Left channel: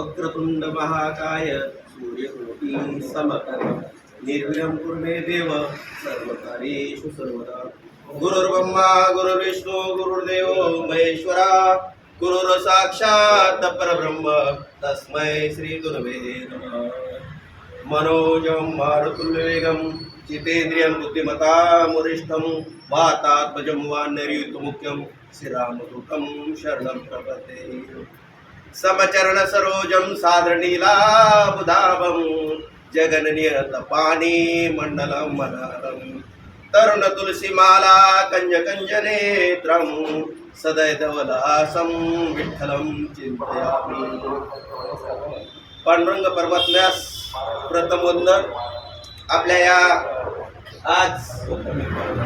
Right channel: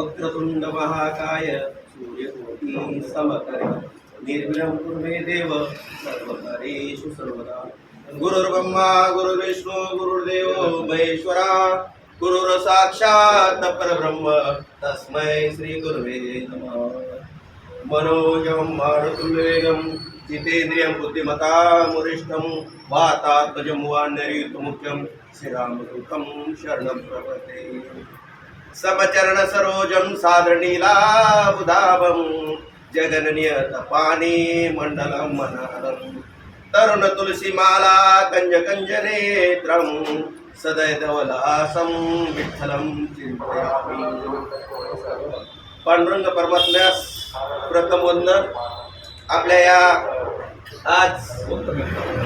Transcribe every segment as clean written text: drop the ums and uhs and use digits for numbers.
वक्रतुंड महाकाय सूर्यकोटि समप्रभ निर्विघ्नं कुरु मे देव सर्वकार्येषु सर्वदा। गुरुर्ब्रह्मा गुरुर्विष्णु गुरुर्देवो महेश्वरा गुरुर् साक्षात् परब्रह्म तस्मै श्री गुरवे नमः। मनोजं मारुतुल्यवेगं जितेन्द्रियं बुद्धिमतामुरिष्ठं वातात्मजं वानरयुतमुख्यं श्रीरामदूतं शरणं प्रपद्ये। समचरण सरोजं साधनीलाबुधावं जगन्नियतपानी मण्डलं मनालं तरुण तुलसीमाला कंजकंजनेत्रं सदैधवलासं विठ्ठलं चिंतयामि। पांडुरंग परमात्म्यास प्रथम वंदन। आपल्या या आज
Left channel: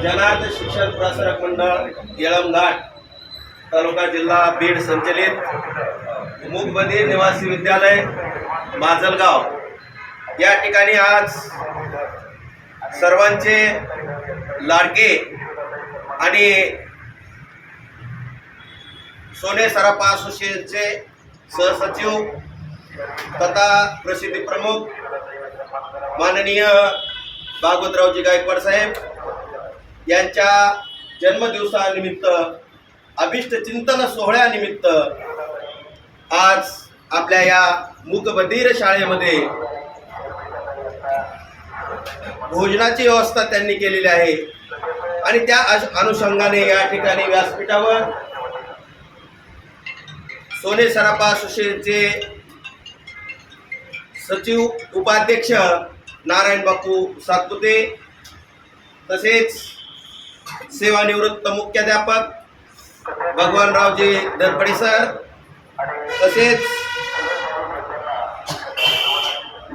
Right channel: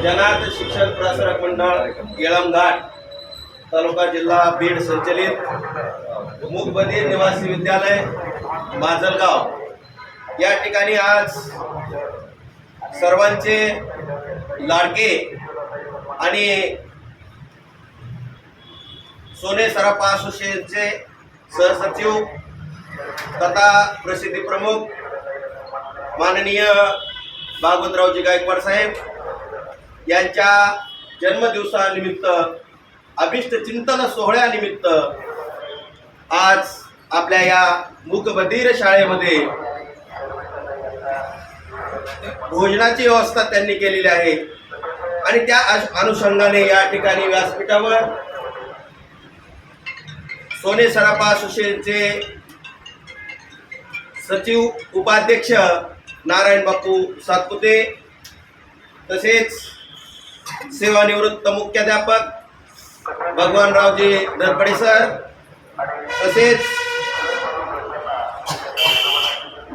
जनार्थ शिक्षण प्रसारक मंडळ येळमघाट तालुका जिल्हा बीड संचलित मूकबधीर निवासी विद्यालय माजलगाव या ठिकाणी आज सर्वांचे लाडके आणि सोने सराफा असोसिएशनचे सहसचिव तथा प्रसिद्धी प्रमुख माननीय भागवतरावजी गायकवाड साहेब यांच्या जन्मदिवसानिमित्त अभिष्ट चिंतन सोहळ्यानिमित्त आज आपल्या या मूकबधीर शाळेमध्ये भोजनाची व्यवस्था त्यांनी केलेली आहे आणि त्या अनुषंगाने या ठिकाणी व्यासपीठावर सोने सराफा असोसिएशनचे सचिव उपाध्यक्ष नारायण बापू सातपुते तसेच सेवानिवृत्त मुख्याध्यापक भगवानरावजी धरपडे सर तसेच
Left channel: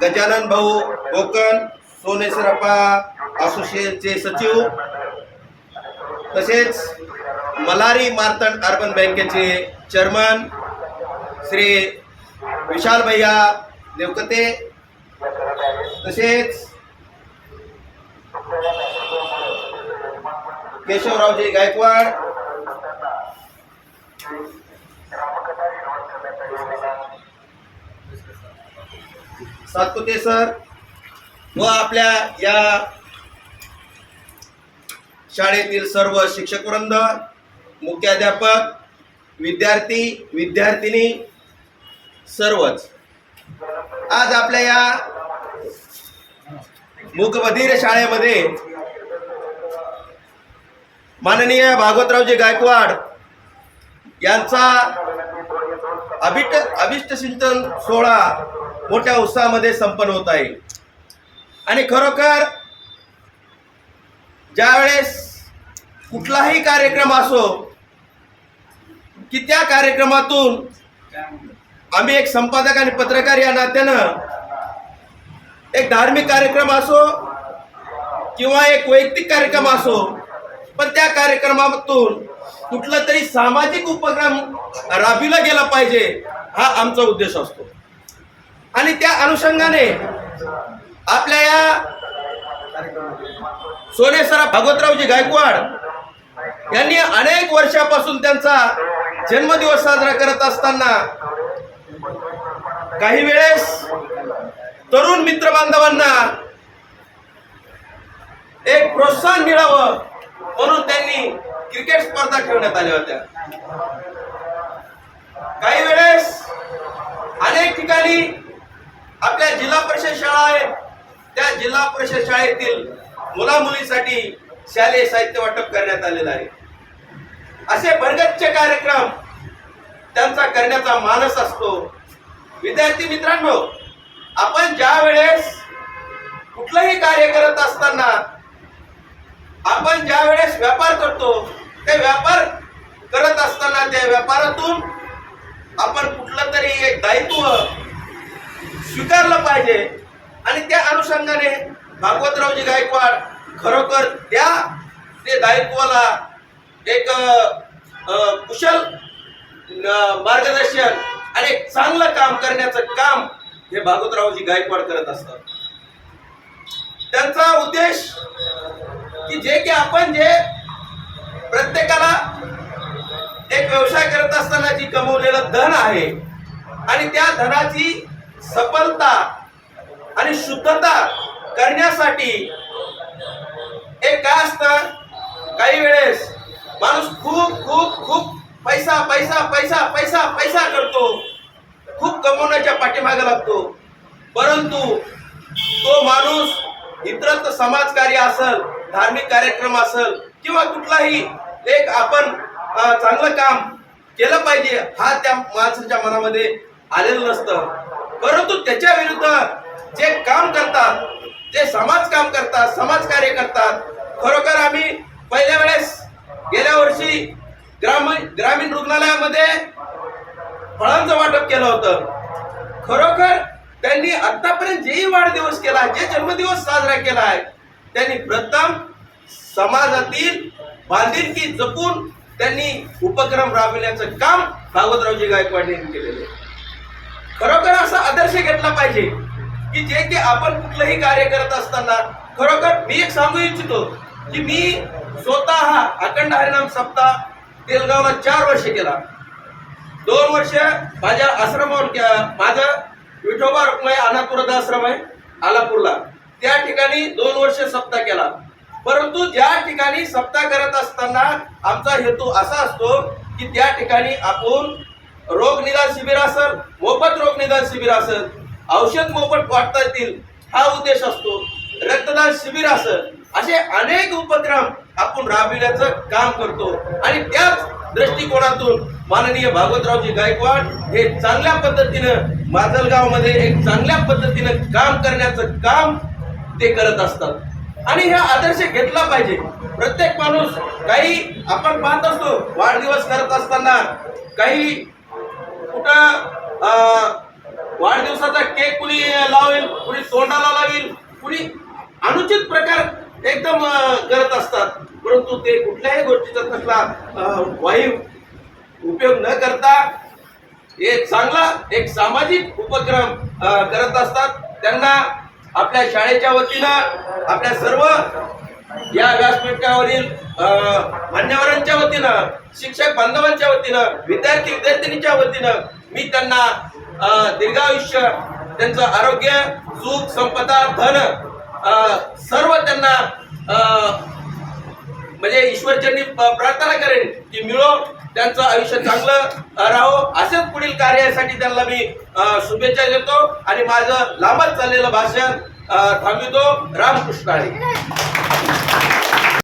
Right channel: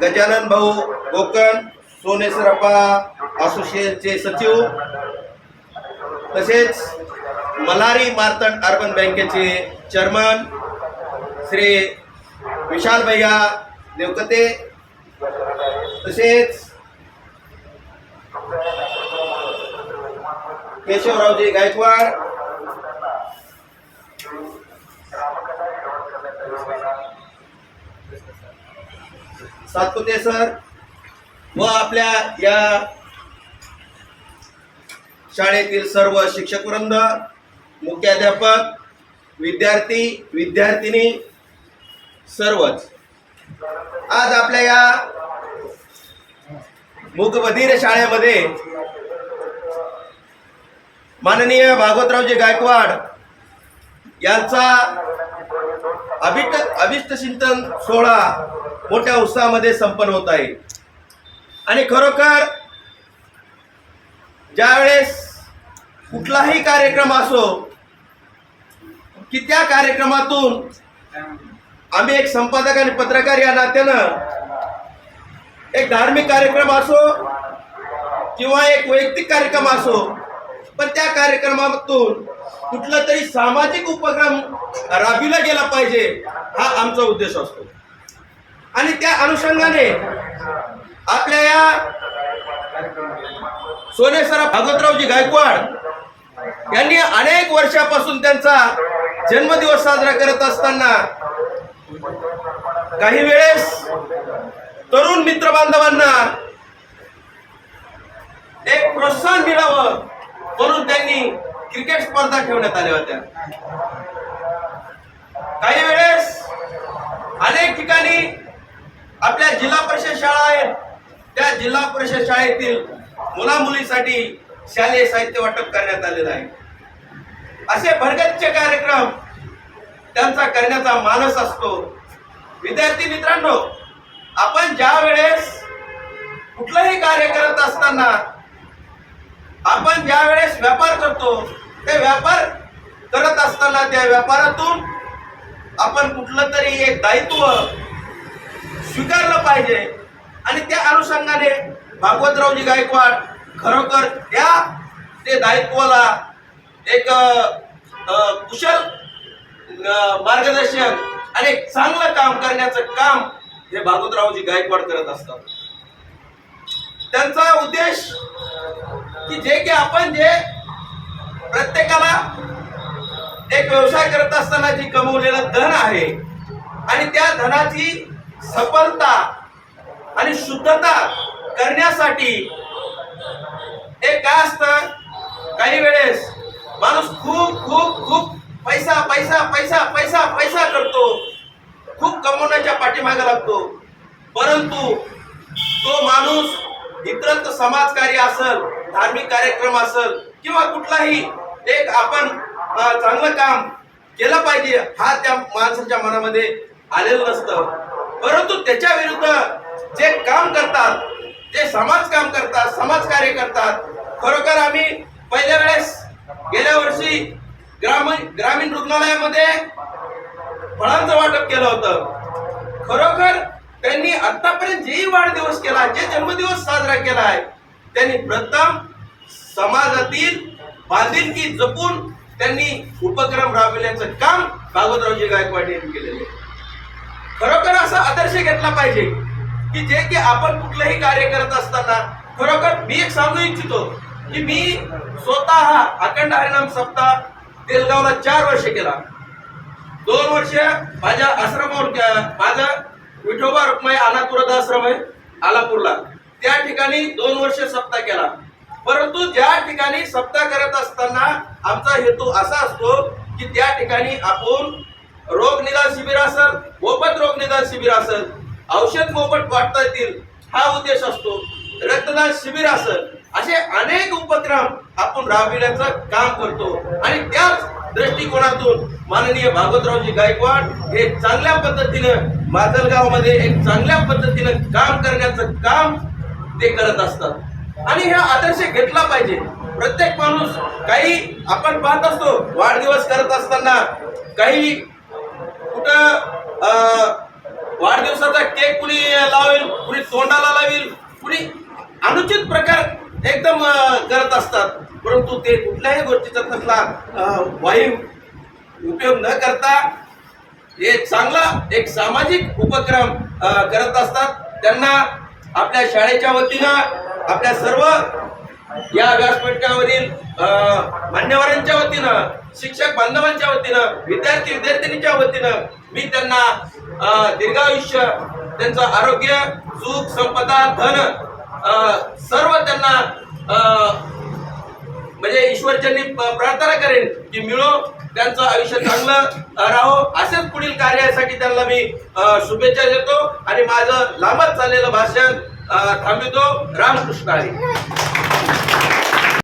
गजानन भाऊ कोकण सोने सराफा असोसिएशनचे सचिव तसेच मल्हारी मार्तंड अर्बन बँकेचे चेअरमन श्री विशाल भैया देवकते तसेच केशवरावजी गायकवाड सातपुते सर व आपल्या या शाळेतील सर्व शिक्षकवृंद मुख्याध्यापक विद्यार्थी विद्यार्थिनी सर्वच आज आपल्या या मूकबधीर शाळेमध्ये माननीय भागवतरावजी गायकवाड यांचा अभिष्ट चिंतन सोहळा मोठ्या उत्साहामध्ये संपन्न होत आहे आणि खरोखर ज्यावेळेस कुठलाही कार्यक्रम असो की त्या कार्यक्रमातून आम्ही एक संपादक आणि पत्रकार या नात्यानं एक धार्मिक कार्यक्रम असो किंवा एक वैयक्तिक कार्यक्रम असो पण त्या कार्यक्रमातून कुठला तरी सामाजिक उपक्रम राबविला गेला पाहिजे हा आमचा उद्देश असतो आणि त्या अनुषंगाने आपल्या या सोने सराफा भागवतरावजी गायकवाड यांनी अनेक वर्षापासून त्यांचा जन्मदिवस साजरा करत असताना काही वेळेस तरुण मित्र बांधवांना एक प्रोत्साहन मिळावं म्हणून त्यांनी क्रिकेट स्पर्धा ठेवण्यात आल्या होत्या। काही वेळेस अनेक ठिकाणी आपल्या जिल्हा परिषद शाळा आहेत त्या जिल्हा परिषद शाळेतील मुला मुलीसाठी शालेय साहित्य वाटप करण्यात आलेलं आहे। असे भरगच्च कार्यक्रम त्यांचा करण्याचा मानस असतो। विद्यार्थी मित्रांनो, आपण ज्या वेळेस कुठलंही कार्य करत असताना आपण ज्या वेळेस व्यापार करतो ते व्यापार करत असताना त्या व्यापारातून आपण कुठलं तरी एक दायित्व स्वीकारलं पाहिजे आणि त्या अनुषंगाने भागवतरावजी गायकवाड खरोखर ते दायित्वाला एक कुशल मार्गदर्शन आणि चांगलं काम करण्याचं काम हे भागवतरावजी गायकवाड करत असतात। त्यांचा उद्देश की जे आपण प्रत्येकाला एक व्यवसाय करत असताना जी कमवलेलं धन आहे आणि त्या धनाची सफलता आणि शुद्धता करण्यासाठी एक काय असतं, काही वेळेस माणूस खूप खूप खूप पैसा पैसा पैसा पैसा पैसा करतो, खूप कमवण्याच्या पाठीमागे लागतो, परंतु तो माणूस इतरत्र समाजकार्य असेल, धार्मिक कार्यक्रम असेल किंवा कुठलाही एक आपण चांगलं काम केलं पाहिजे हा त्या माणसाच्या मनामध्ये आलेलं नसतं. परंतु त्याच्या विरुद्ध जे काम करतात, जे समाज काम करतात, समाजकार्य करतात, खरोखर आम्ही पहिल्या वेळेस गेल्या वर्षी ग्रामीण रुग्णालयामध्ये फळांचं वाटप केलं होतं. खरोखर त्यांनी आतापर्यंत जेही वाढदिवस केला, जे जन्मदिवस साजरा केला आहे, त्यांनी प्रथम समाजातील बांधिलकी जपून त्यांनी उपक्रम राबविण्याचं काम भागवतरावजी गायकवाड यांनी केलेले. खरोखर असा आदर्श घेतला पाहिजे की जे की आपण कुठलंही कार्य करत असताना, खरोखर मी एक सांगू इच्छितो की मी स्वतः अखंड हरिनाम सप्ताह तेलगावला 4 वर्ष केला. 2 वर्ष माझ्या आश्रमावर, माझं विठोबा रुक्माई अनाथ वृद्धाश्रम आहे आलापूरला, त्या ठिकाणी 2 वर्ष सप्ताह केला. परंतु ज्या ठिकाणी सप्ताह करत असताना आमचा हेतू असा असतो की त्या ठिकाणी आपण रोग निदान शिबिर असेल, मोफत रोग निदान शिबिर असेल, औषध मोफत वाटता येतील हा उद्देश असतो, रक्तदान शिबिर असेल, असे अनेक उपक्रम आपण राबविण्याचं काम करतो. आणि त्याच दृष्टिकोनातून माननीय भागवतरावजी गायकवाड हे चांगल्या पद्धतीनं माजलगावमध्ये एक चांगल्या पद्धतीनं काम करण्याचं काम ते करत असतात. आणि हा आदर्श घेतला पाहिजे. प्रत्येक माणूस, काही आपण पाहत असतो वाढदिवस करत असताना, काही कुठं वाढदिवसाचा केक कुणी लावेल, कुणी तोंडाला लावेल, कुणी अनुचित प्रकार एकदम करत असतात. परंतु ते कुठल्याही गोष्टीचा तसला वाईट उपयोग न करता हे चांगला एक सामाजिक उपक्रम करत असतात. त्यांना आपल्या शाळेच्या वतीनं, आपल्या सर्व या व्यासपीठावरील मान्यवरांच्या वतीनं, शिक्षक बांधवांच्या वतीनं, विद्यार्थिनीच्या वतीनं मी त्यांना दीर्घायुष्य, त्यांचं आरोग्य, सुख, संपदा, धन सर्व त्यांना म्हणजे ईश्वरचरणी प्रार्थना करेन की मिळो, त्यांचं आयुष्य चांगलं राहो. असेच पुढील कार्यासाठी त्यांना मी शुभेच्छा देतो आणि माझं लांबच चाललेलं भाषण थांबवितो. रामकृष्ण हरी.